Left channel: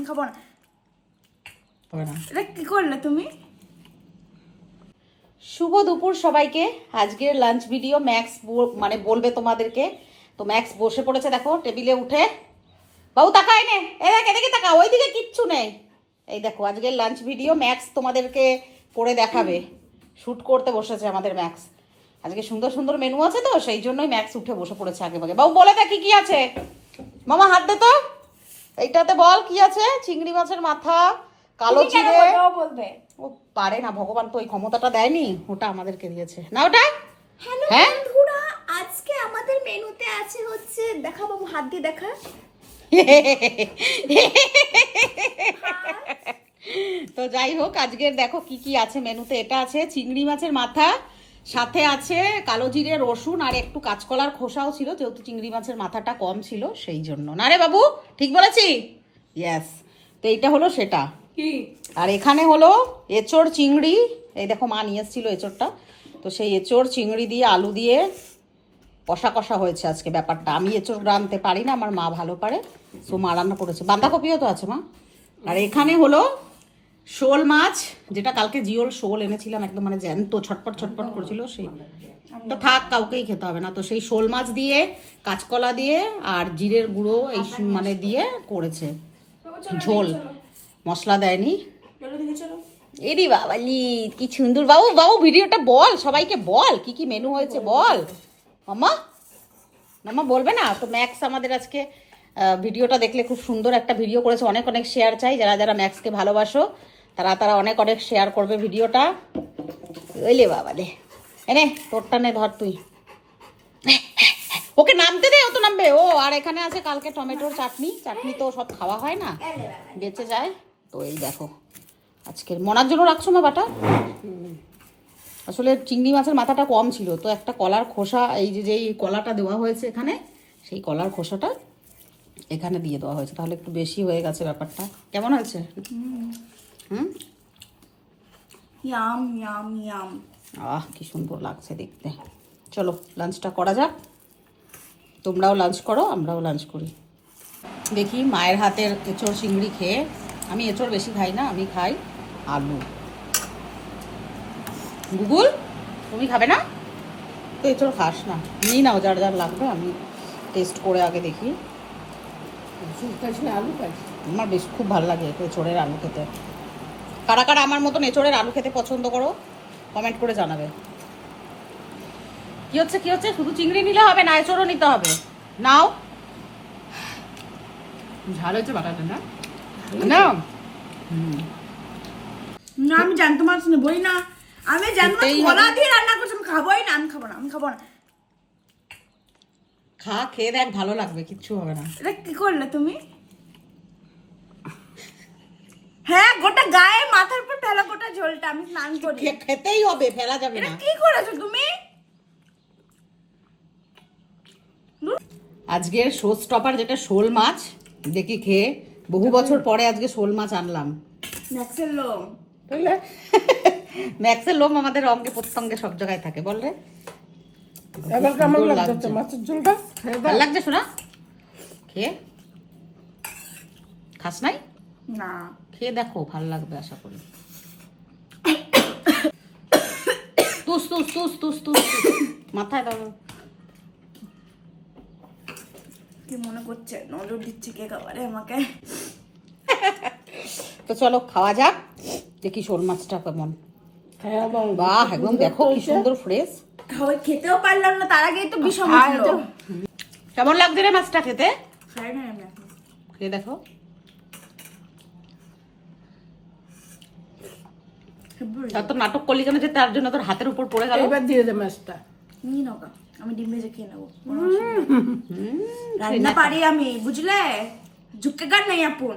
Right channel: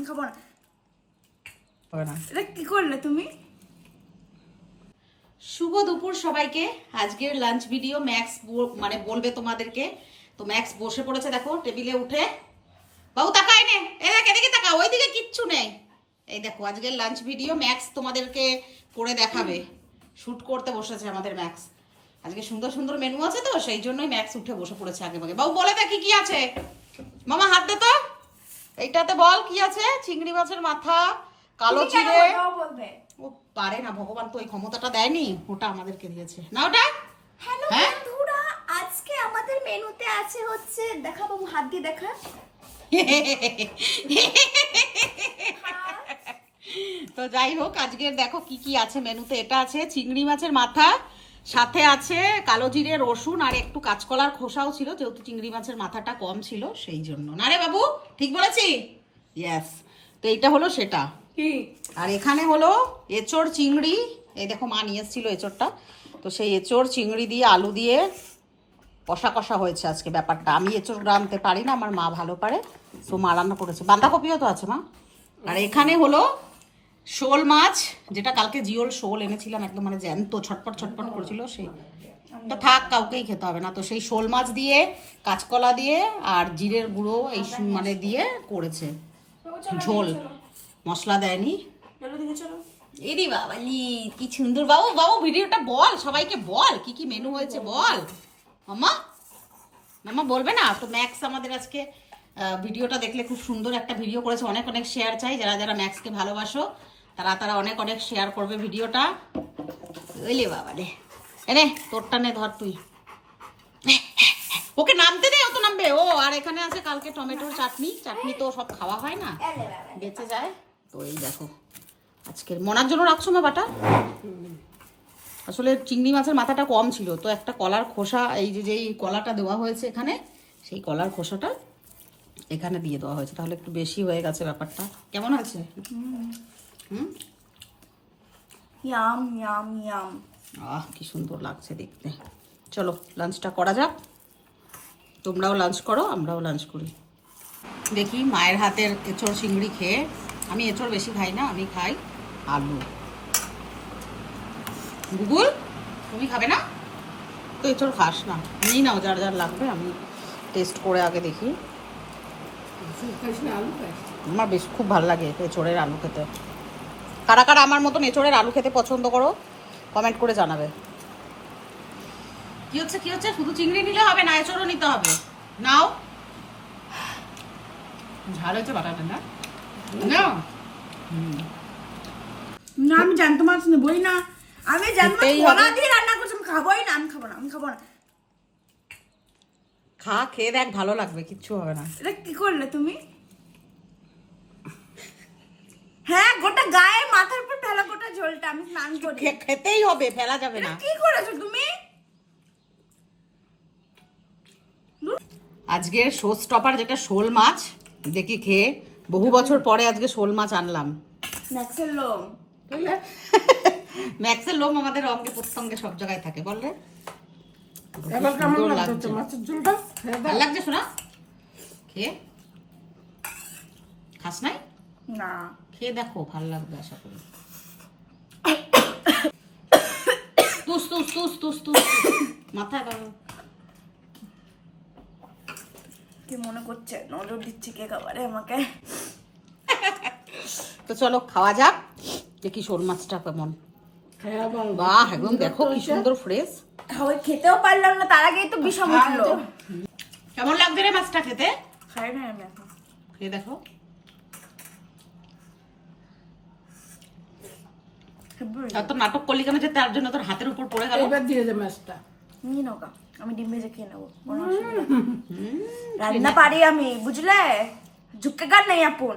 আমি খাবো না। এটা কি করলে তুমি? শুভ দুপুর সবাইকে। আজকের লাঞ্চ ভিডিও ম্যাক্স মানে বলবে তোমাদেরকে। তো ম্যাক্স বসে পড়েছে, দেখো টেবিলে উঠে। বাবু তাকায় নে, এদিকে তাকা, ওইদিকে কিচ্ছু নেই। এই দেখো আজকের লাঞ্চ ভিডিও ম্যাক্স তোমাদেরকে করে দেখাবে। শুট করতে বসেছে আমাদের ম্যাক্স। আজকে সুন্দর সুন্দর মেনু আছে, তো সেই জন্যই ম্যাক্স উঠে বসে পড়েছে আগে ভাগে। বাবু বলে দেখি কি আছে। মামা হাত দে তো, এইটাতে বল কি আছে। চিংড়ি মাছের মাথা, কালো জিরে। ও পারে না, ভগবান তো ওই ক্ষমতাটা দেয়নি, ওটা আমাদেরকে দিয়েছে না ওটা। হ্যালো বন্ধুরা, আজকে আমাদের মেনুতে আছে হচ্ছে, দেখা বাবু হাত দিয়ে দেখা। তো যাই হোক, আজকের দেখো কি কি আছে মেনুতে। এটা আছে চিংড়ি মাছের মাথা, সাথে আছে কালো জিরে, রসুন আর একটু কাঁচকলার খোসাও ছিল, যেহেতু চিংড়ি মাছের মাথাটা কম ছিল সেই জন্য। না রে বাবু, ঠিক বলেছি? ইয়েস। তো এইটা হলো সেটা। আর এখানে হলো এঁচড় চিংড়ি। এই দেখো মা নিয়ে এসেছিল এঁচড়টা, তো সেই এঁচড় চিংড়ি দিয়ে আলু দিয়ে কষা কষা হয়েছে আজকে ব্যাপারটা। আমি এঁচড় রাঁধতে পারি না, আমার মা ভালো পারে, তো মা রান্না করেছে। বাঁধাকপিও তো আছে মা। আর এখানে হলো শোল মাছ, যেটা কালকে জিওল শোল এনেছিলাম, একদম মানে জ্যান্ত ছটপট ছটপট করছিল, সেই তো থাক, কাউকেই খেতে হবে না। তো সেই শোল মাছ দিয়ে কাঁচকলা দিয়ে আর জিরের গুঁড়ো এই মানে দিয়ে করেছে ঝোল, মশলা দেয়নি। এরি বাবালি কি সুন্দর। বাবু বাবু ভিডিওটা বল, সবাইকে বল কি কি মেনু হয়েছে বল। মামা মামা বলবে না তো। ম্যাক্স আমাদের আজকে ভিডিওটা দেখলে খুব সুন্দর একটা ভিডিও করেছে। অনেক অনেক শেয়ার চাই, যারা যারা ম্যাক্সকে ভালোবাসো তারা অনেক অনেক শেয়ার করবে ভিডিওটা। ওইলে বাবা রে, এনে তোরটা নে, ধর তুই, ওকে নামতে দে, ও তো নামবে। ও আর এখানে আছে কালকে টমেটোর চাটনি। চাটনি তো সব খাওয়া হয় না, বেঁচে যায়। তো এই দেখো আজকের মনার জন্য রাখছো মা বাটা। আসলে চিংড়ি মাছের মাথাটা কম ছিল, তো একটা কলার খোসা, এই যে যেই কলাটা দেওয়া হয়েছে এখানে, সেই কলার খোসাটা এখানে দিয়ে দেওয়া হয়েছে, তাহলে একটু বেশি হয়ে গেছে ব্যাপারটা। কেমন হয়েছে? Yam yam yam. আহ কি সুন্দর লাগছে দেখতে। চলো লাঞ্চটা করা যাক। তোমরাও লাঞ্চ করো, আমরাও লাঞ্চ করি। দেখি মায়ের হাতের এঁচড় চিংড়ি খেয়ে। আমি এঁচড় বেশি খাই না, আমি খাই আলু। গুগল তুমি খাবে না তো এঁচড়? খাস না, নিই নাও যার যার লাগবে। আমি টেস্ট করে আগে দেখি। আমার বেশ খুব ভালো লাগে এঁচড়ের আলু খেতে। কারা কারা আমার মতন এঁচড়ের আলু খেতে পছন্দ করো কমেন্ট করে জানাবে। কি হচ্ছে কি হচ্ছে? শুধু চিংড়ি নিলে হবে না, এঁচড়ও নিতে হবে। নাও, ঝাল হয়েছে বাটাটা না? না না আমি জানতো মাছ নেবই না। আমি জানতো কলা দিয়ে রান্না করছি, আমি খাবোই না। আমি খাবো না, আমি খাবো না। খা, খেয়ে দেখ, ভালো লাগবে, কিচ্ছু হবে না। এটা কি করলে তুমি? হ্যাঁ, গোটা গায়ে মাথার উপর ফেলা গোটা ঝোলটা আমি স্নান করি। খেতেই হবে, ফেলা যাবে না। কি করেছো তুমি? আজকের শো স্টপার যেটা শোল মাছ, দেখি খেয়ে। বহু বছর পরে আজকে শোল মাছ আনলাম। ম্যাক্সের লোম, বুঝলে? ম্যাক্সের লোম আমাদের অঙ্গে প্রত্যঙ্গে সব জায়গায় থাকে, বল রে। এবার কেমন লাগছে মাছের ঝোলটা? ভালো লাগছে শোনা? খেয়ে খাস নাই? না খেয়ে দেখো, ভালো লাগবে আশা করি। তুস তুস তুস তুস তুস মাথায় দাও। কি মনে করছে? নজর দিচ্ছে কে খাবারে আমাকে। তো চলো খাওয়া যাক, দেখি শোল মাছটা কেমন। বাহ, একদম দেখো কি সুন্দর ফ্রেশ। খাওয়াই খেতেও পারলাম না, তার আগেই তো বিষম উঠলো। কেমন লাগছে রে মাছটা খেতে? খাই না আমি এখন। খেয়ে দেখো। তো নাটক করলি কেন যে তার জন্য তোর হাতের উপর পড়ে গেল? এবার দিয়ে দে মাছটা। নিয়ে নাও, আমি ডিম ভেজে খেয়ে নেবো। রান্না পারি আমি, বুঝলে? ঝুঁকে গান নেই আপন।